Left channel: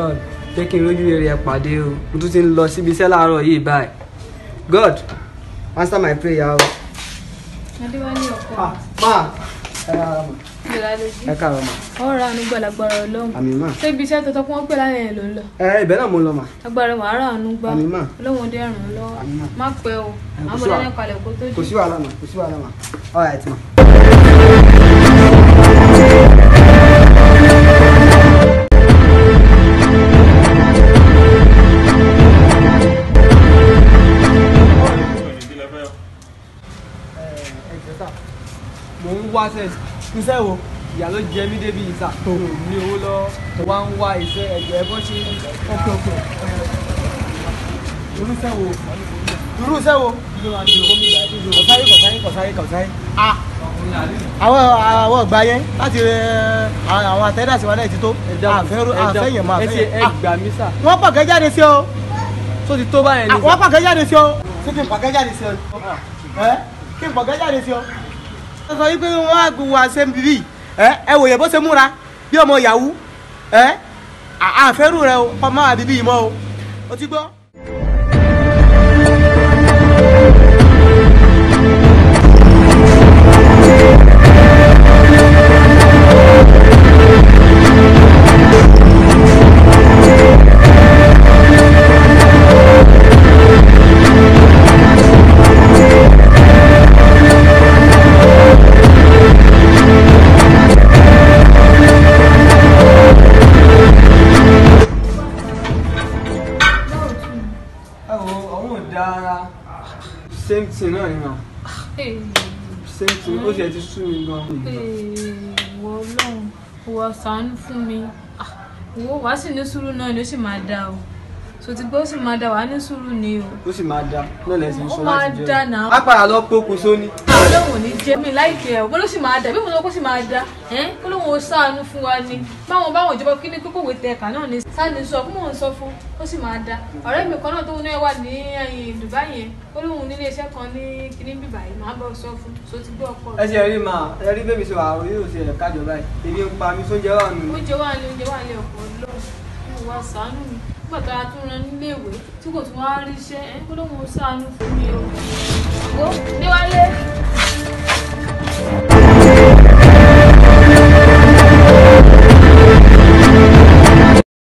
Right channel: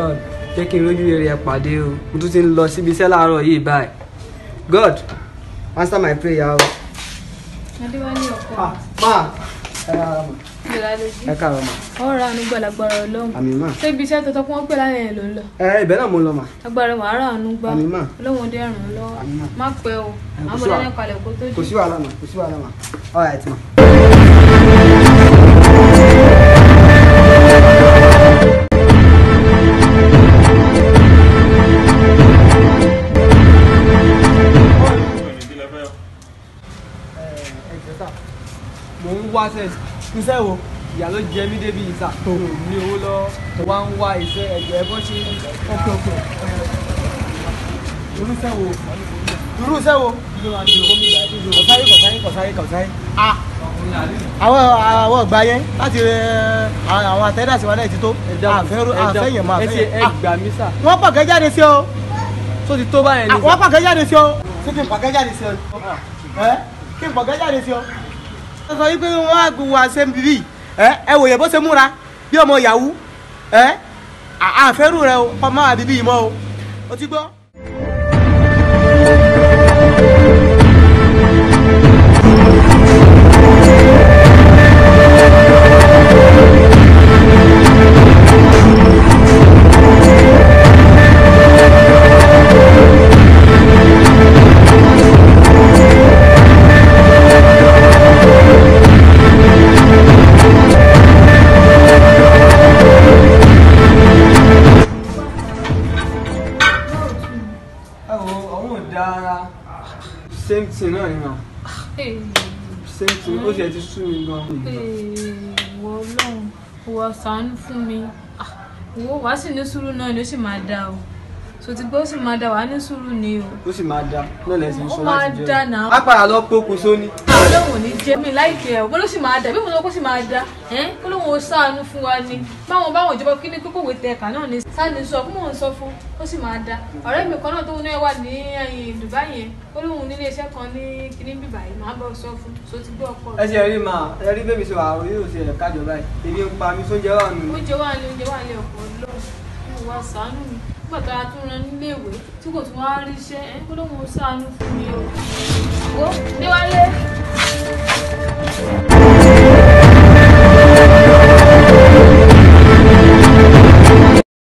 God jẹ́ kí n rójú rere pàdé o mo tún ti ń lọ síbi iṣẹ́ láàárọ̀ yìí báyìí God answer my prayer o. Adéwálé ọkọ. Ma ẹ káàárọ̀ ma. Ọ̀rọ̀ àánú gbàlagbára Ọlọ́run. Àmín ma. Ṣé ibi iṣẹ́ tuntun wọ́n pè lálẹ́ yẹn ló ń lọ? Ibẹ̀ náà mo ń lọ ma. Agbára wàhálà àánú gbà. Àmín ma. Ọlọ́run dé ràn án lọ́wọ́. Àmín ma. Má pẹ́ o. Àwọn ọmọdé náà kalẹ̀ kó tó dé. Kò sí wàhálà ma, kò sí wàhálà ma. All right ma. Mo ń wá iṣẹ́ wo ìyá ló jẹ mí débi ìta tó ní owó lọ wá ń wá iṣẹ́ ẹ̀jẹ̀ bó ṣe ọkọ̀ irúṣẹ́ wo kọ̀sáyé àwọn ọgbà yẹn láti àwọn àtẹ́dàsí wa náà ti tó àfẹ́yàn máa fẹ́yàn ẹgbà mí sà wọ́n pàkẹ́ jáde sí ọ tó ti tó báyẹn ní wọ́n pàkẹ́ jáde sí ọ sí kí n pàkẹ́ jáde sí ọ kí n pàkẹ́ jáde sí ọ sọ wípé wọ́n á gbogbo àṣẹ bíbí ẹ wòye bó ṣe múra bí ọmọ yahoo àfẹ́rù rẹ o ọmọ àbíbí yìí mọ́ o ti gbọ́. Same thing náà ni ma. Same thing ó ṣe ti sú mi gan. Ìwọ Ọlọ́run ìwọ ṣàánú fún mi ìwọ wàá sì ní sùúrù náà ni ó sì máa dá o so ti gbọ́ ó sì máa dá wàá ní sùúrù ni o. Ó sì máa dá náà lẹ́sìn sọ láti jẹun. Ó máa dá náà. Á padà lọ pókun sóní. Ọlọ́run ò ní jẹ́ mi láìpẹ́ ẹ̀ bó sì máa dá bí mo sọ pé ó sì máa dá kó lóun ó ṣàánú fún wa ni báwọn ìjọba kí ní kókó wé tẹ̀ka náà ni sáni sọ fún mò ń sọ fún ó sì máa dá ọ̀rẹ́ mi kan náà tó náà wà ní Dubai yẹn ó lóun nílé iṣẹ́ kan ní kíní bíbá yìí máa bọ̀ sọ fún so ti gbé ọkọ rẹ̀. Ẹ ṣe rí máa ẹ rí bébí sọ àwọn yóò ṣe ẹ̀ka jọba yìí èmi ń pa mi sóúnjẹ wà nù. Oúnjẹ wà ní ọ̀pọ̀ lọ́wọ́ wá ṣàánú mi nígbà tó a tún ran nílé ìwé tí kò tún wá rí iṣẹ́ kó lóun ó ṣàánú fún mi o. Wo Déwálé.